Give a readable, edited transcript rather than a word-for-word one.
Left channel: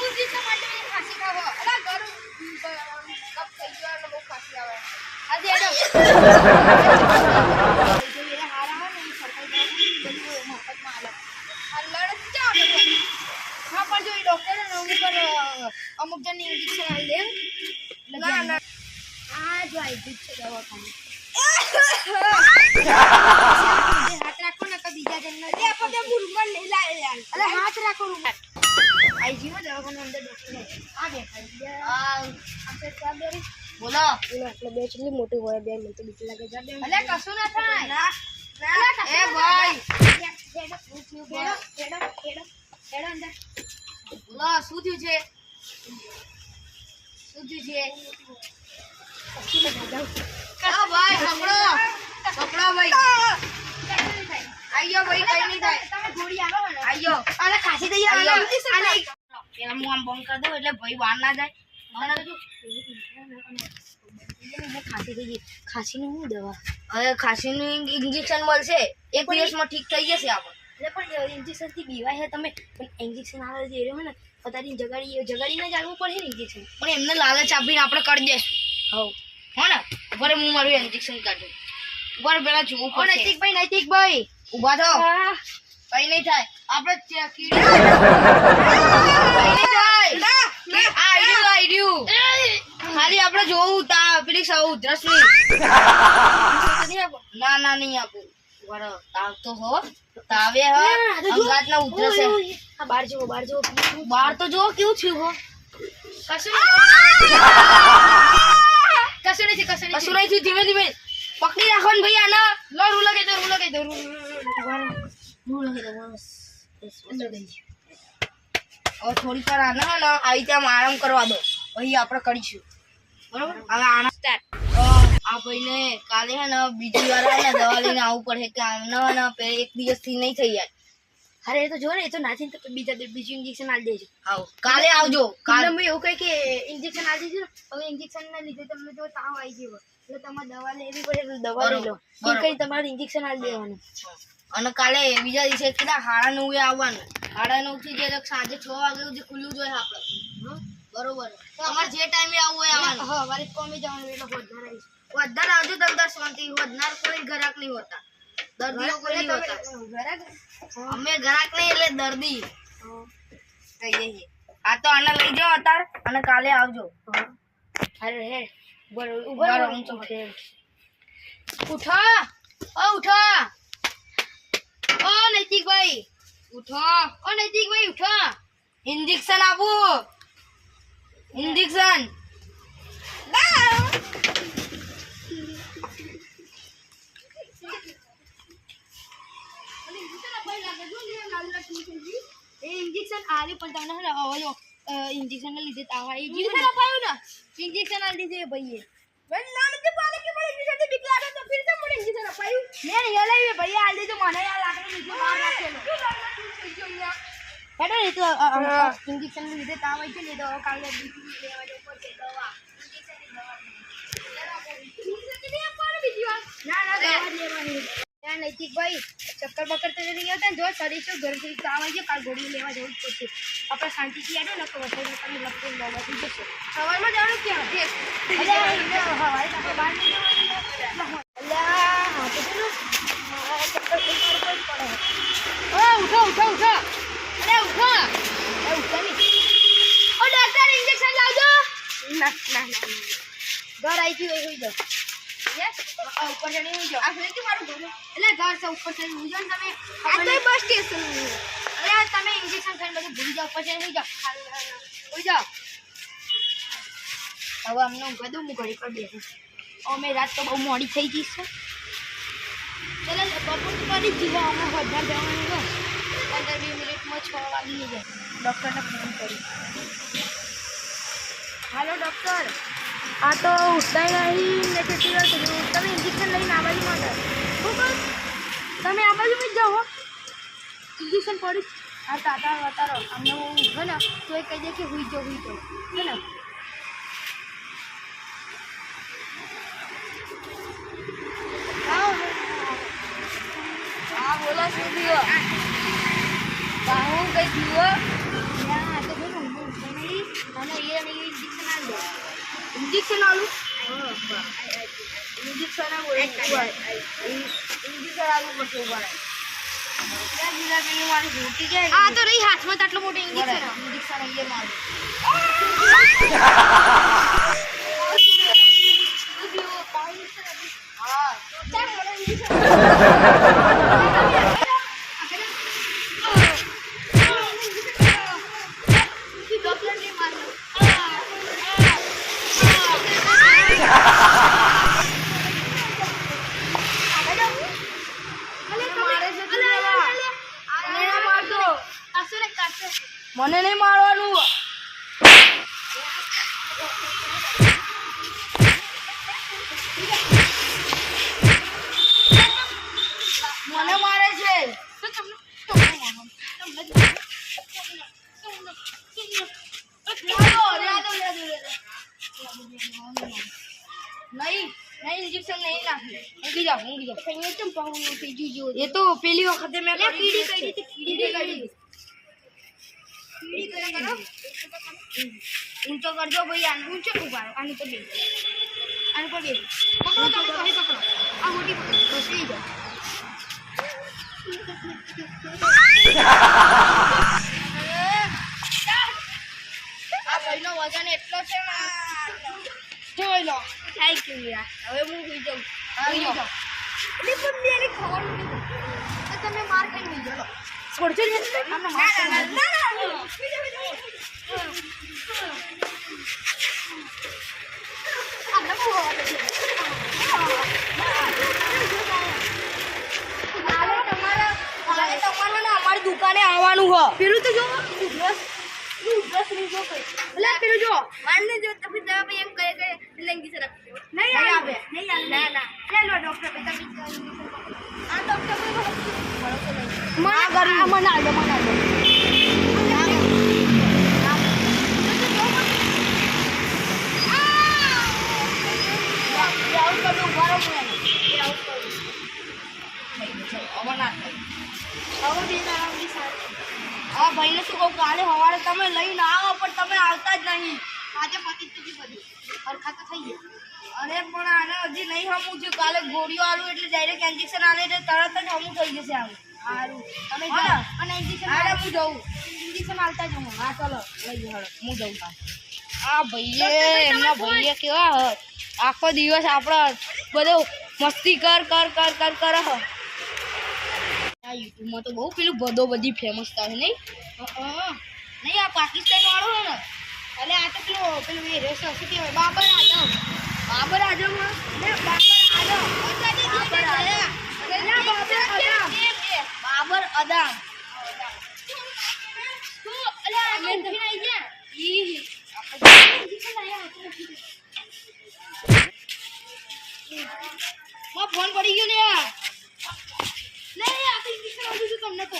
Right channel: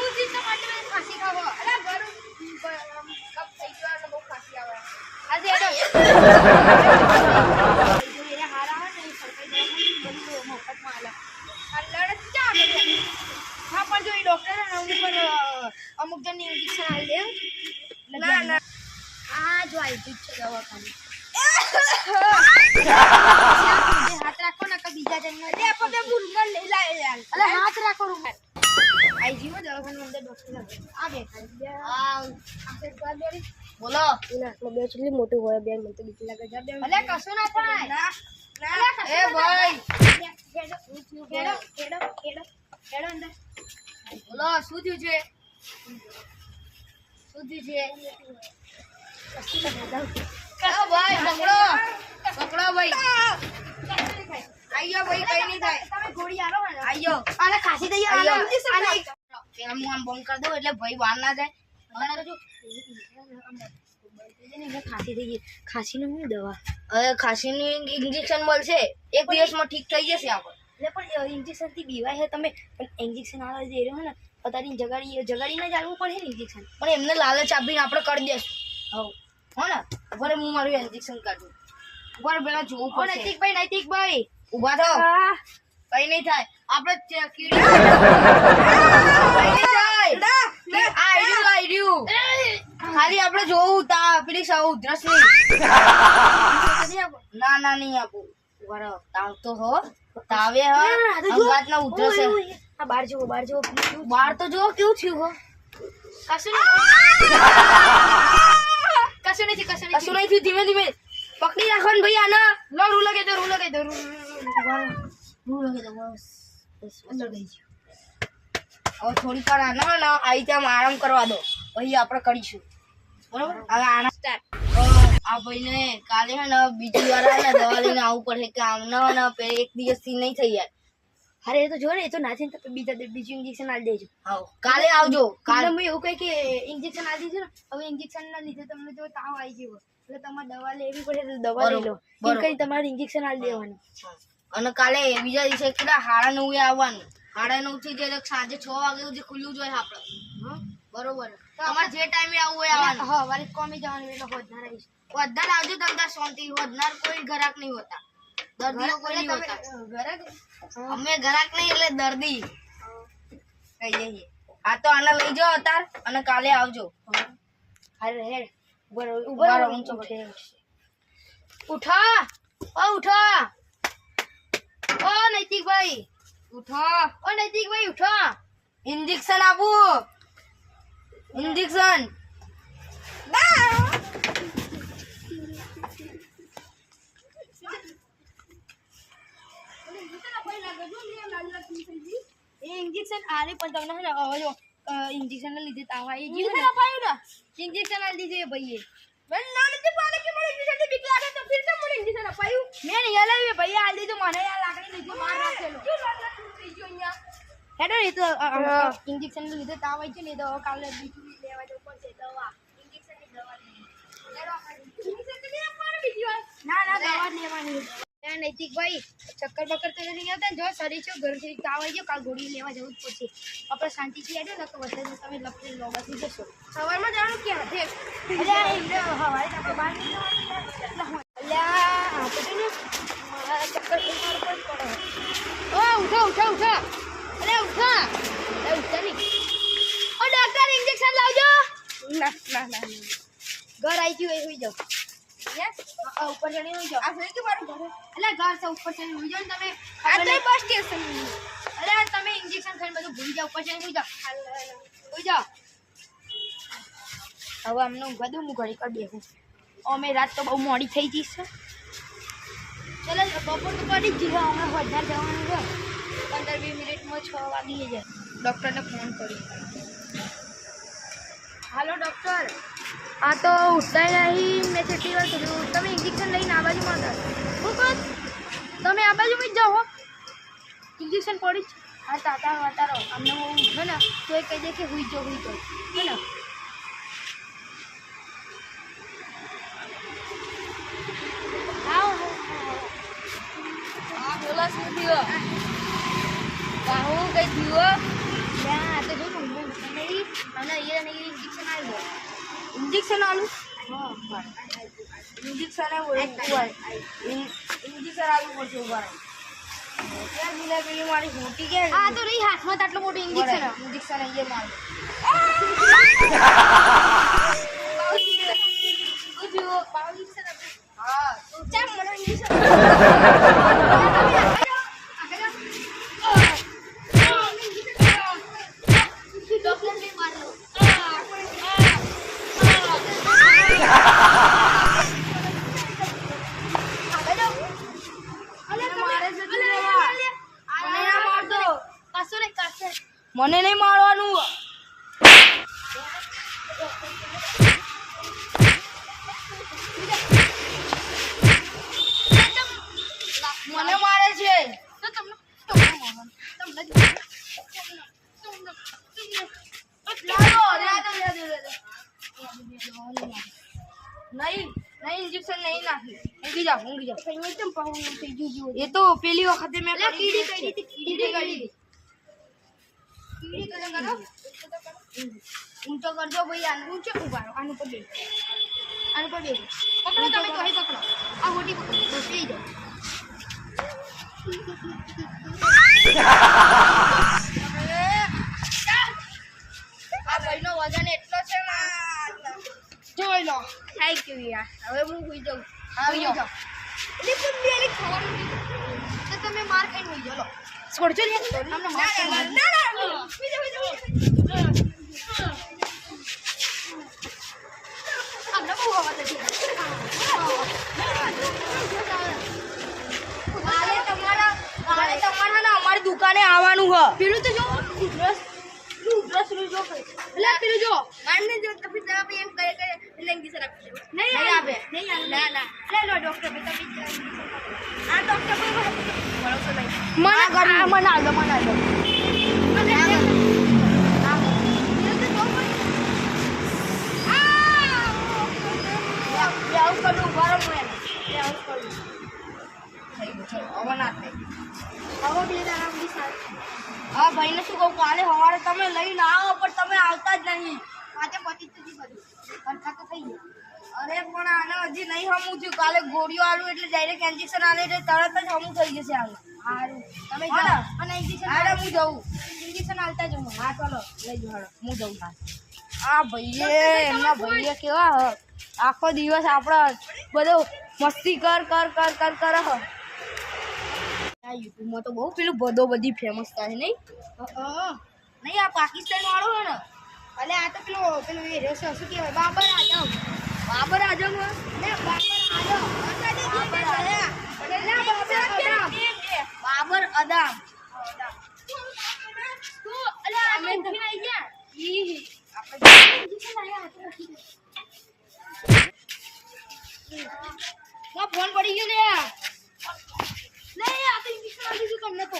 હું ચીજ તો માટે ખાસી ખાવો અલા ગરમ કપ થઈ ગયો અને બહુ ખાસી આવે આજે એડો જો એને હારા આવે ને એ સરકારી દવાખાને બધી મફતમાં આલે આ લડત ક્યાં આવે હા પણ જો એ ડોક્ટર ને ઉપર અમુક જણ ઇન્જેક્શન આલી દે ના ના આ જો આઈ જ છે દવાખાને હાથ રાખો ને કે બીજા જણ ને આપણે મુરગન લઈ લાય યાર અલે હાથ રાખો રૂમર આઈજી માં દવાખાના અંદર ડોક્ટર આ બેઠા આ જવાબદારી બોલો એને આપણે બે ચલી મોટું હોય બે મને તો બીક લાગે જવાબદારી અલે કશું ના થાય ના એ ભાઈ હેડો અંદર બોલો શું થયું છે કા ભાઈ પકડો ભાઈ આયો ભાઈ કઈ નહીં થાય તમે ગોળી આલો ને આયો અને ખાસી દઈએ આને પેલા હું આમ બંધ કરી દઉં એટલે ભાઈ બહાર ના જાય અને જો ખાસી થઈ ગઈ ખાસીનું શું દવા હવે ખાસીનું ઇન્જેક્શન મળશે એક દિવસમાં ઠીક થઈ જશે આપણે એટલે પણ ઇન્જેક્શન થી બીવાય છે તમે પણ ઇન્જેક્શન આવે જે રહ્યો ને પતાની જગાડીને જ આવવું પડે ને ઇન્જેક્શન પણ એમને લાલચ આપીને આપણે કરી દેશું હો ને ઉપર હું મારું ઇન્જેક્શન કાઢું ઉપર પેલા જોવું પડશે નૈતિકભાઈ ઊભા થો કઈ નહીં થાય આપણે ખાલી આપણે જોવું તા પેલી સૌ ઉધરસ ના નહીં આપું તાવ તો હો તાવે હો અંગાત ના ઉધરસ આ બહાર જો બહાર તો જો કેવું થયું હો કશું નહીં થયું ધીમે ધીમે પકડી રાખો ને ભાઈ આના લો રૂ લગાઈ દો હવે થોડી વાર આના ને આવી ત્યાં આરામ કરવા દો પછી આપણે કરીશું બરોબર હવે આના સ્ટાર્ટ આ ભાઈને કાલે હે ને બીજી વાર આને દવા લઈને આવવું પડે કે આમના ને એક દિવસથી નહીં થઈ જાય અરે એ તો જો ને એ તો નાથી તો બીજું ઇન્જેક્શન આલી દેજો આવ કાલે આવજો કાલે હું એવું કહી કે ઇન્જેક્શન આલી દેજો ને હવે ઇન્જેક્શન ના લીધે તમને જો તાવ આવી ગયો એટલે તમારે દવા લેવી પડે તો દવા લઈ લો એ કઈ તમારે ઇન્જેક્શન આલી દેવાનું અને કાલે બીજા દિવસે કેટલા 9:30 આવવાનું 9:30 થી જે સાંજે 6 વાગે સુધી ખુલ્લું જોઈએ આપણે બરોબર તમારે જે ટાઈમે આવવું હોય આવવાનું હા વારે કોમે જવાનું એટલે હોદનાર આવજો તમને શાંતિ હોદનાર કોઈ ઘરાક નહીં હોતા દર્દીઓ કોઈ નહીં હોતા ઘરાક અમે ઘરાક નહીં એટલે દર્દી કઈ જઈએ આ તો આને લઈ જાઓ અતાર અને કાલે આવજો અરે હે ઉભો ઊંચો ઉઠો ઓ નૈતિકભાઈ ઉઠો ઇન્જેક્શન આપું ઇન્જેક્શન ઇન્જેક્શન આલી પણ તમને હે ને ઇન્જેક્શન ને લીધે તાવ આવી ગયો ને અપાયું ને ઇન્જેક્શન આલી દીધે ભાઈએ મેં ના નથી પાલે કે મને ઇન્જેક્શન થી બીક લાગે તો ફિર તો મને ઇન્જેક્શન અપાયું મેં હેલાવી ભાઈ આલી દીધું મને આ લાકડી નીચે બહાર રાખેલો હેડો એ તો ઇન્જેક્શન ને લીધે તાવ આવી ગયો ને તો કાલે બીજું લેવા જવું પડશે દવા ઇન્જેક્શન ની દવા ઇન્જેક્શન ની આપવાનું બીજી વાર ના દવા લેવાની નૈતિકભાઈ ચક્કર બક્કર તો નહીં આવતા જો શરીર છે ઘરથી તાવ આવી ગયો કાલ ગોળી લેવા જવું જ પડશે આપણે શાંતિથી આડો ને તો વધારે તમે લખી લોબાથી જશો સવારમાં જવાનું ક્યાં હવારે આપણે બહાર નીકળવાનું હા તો પેલું મારા ચક્કર મારું કોઈ પડે ઓ ઉઠો અરે ઉઠો નહીં ઓ ડોક્ટર ઇન્જેક્શન લાવજો ના ઘર આવી ગયું એ હોઈ જાઓ યસ ઉપર ચડી હોઈ જાઓ આ ફેર કે મારું ઘર એટલે ઘર છે ઉપર ચડી હોઈ જાઓ તમે આ તો બસ સ્ટેશન અરે તમે ઇન્જેક્શન ખાઈને બધું ભૂલી જાઓ ઉપર ચડી હોઈ જાઓ હવે અમને ઊંઘવા દઉં હું ઘડી પર બેસું અમે રાત તો બહુ મોડી થઈ ગઈ છે ચલો બપોર તો કરી જ જીવો અમે વધારે જવાનું છે 15-20 મિનિટમાં 6 વાગી જાય ડૉક્ટરને ફોન કરી હાલો ડૉક્ટર આ તો ઉઠતા નહીં ને કેટલી વાર કર્યું તમે ઇન્જેક્શન લઈને આ બાજુમાં હતા બસ તમે આ બાજુમાં જ જાઓ ઇન્જેક્શન પડી આ તાતારો અમને હું ઉઠો ને તો એ કહી દે કે હુઈ જાઓ હે ને હા બોલો શું થયું બાહુ કઈ દીવો આ તો જો ઊંઘ નહીં અને ઇન્જેક્શન આલી દો ઇન્જેક્શન આલુ હા ઇન્જેક્શન આવું ઇન્જેક્શન આલુ પડશે ઉભા ક્યાં દિલા પેલી મારી મોટી ક્યાં આ તો રહી હાથમાં આટલો મોટો ઇન્જેક્શન અહીંયા મારું હા તો ચાલ મને ઇન્જેક્શન મને નહીં મારવાનું મને મારે છે નહીં ઇન્જેક્શન નહીં નાખી ઊંઘી જાઓ એ તો પેલી વખતે મેં ઊંચો કરજો ભાઈ આને ઊંચો ઉભારો આનું પર બેસો પકડો તમે કહી પકડો આ મોટી પકડો બસ લઈ જાઓ આ ભાઈનો વજન એટલો છે ને જોઈ લો થેન્ક યુ યાર હવે હું સુઈ જાઉં આવી જાઓ એટલે પણ મેલે ખાવાનું નહીં તો તમે માર ખાઈને સુઈ જાઓ છોડજો ને આમને માર આમને બહુ હવા છે કાલે તમારા ને અમારી દુકાને આવવાનું હ પેલું તો જો બ્રશ નહીં જો કઈ એટલે પેલું જો મારને જો તો फिर દવા એમ કહે કે લેંગી સર આપજો નહીં આપે નહીં ના લે લો ડોક્ટર બેટા ઇન્જેક્શન પકડો આ ડોક્ટર કોઈ ભરોસો નહીં મને કરી મને આલો આવું કરું ગરમ હોય ને આવું કરું થઈ ગયો હવે ના થાય હવે બે આરામથી સારી હા ભાઈને શું કહું કાલે સવારે તમે લઈને આવો પણ તમે આવતા જ નહીં આજે પતિ જ બધી હરખા તો થઈ ગયા અરે પણ આને હજી નહીં હમું થયું કાલે ગોળીઓ આલું એટલે ડાયરેક્ટ ઇન્જેક્શન આલે એટલે તરત જ હમું થઈ જશે આવું સારું તમે જાઓ અને ઇન્જેક્શન અરે હું જાઉં ઇન્જેક્શન આલતા જાઉં હા ચલો લઈ જાઓ હું જાઉં આ ભાઈએ એમના ભાઈએ કેવા આખો દિવસ આપણે બધો મસ્તી કર યુટ્યુબમાં તો બહુ પેલું બધો બધી ફેમસ થાય નહીં નહીં આ પાકિસ્તાન વાળો હે ને એટલે આ તો પેલું એ રેસ શું કહેવાય બાબર આઝમ બાબર આઝમ ફોન પડી ગયો લે નહીં આ તો ઇન્જેક્શન આપી છું તમને તો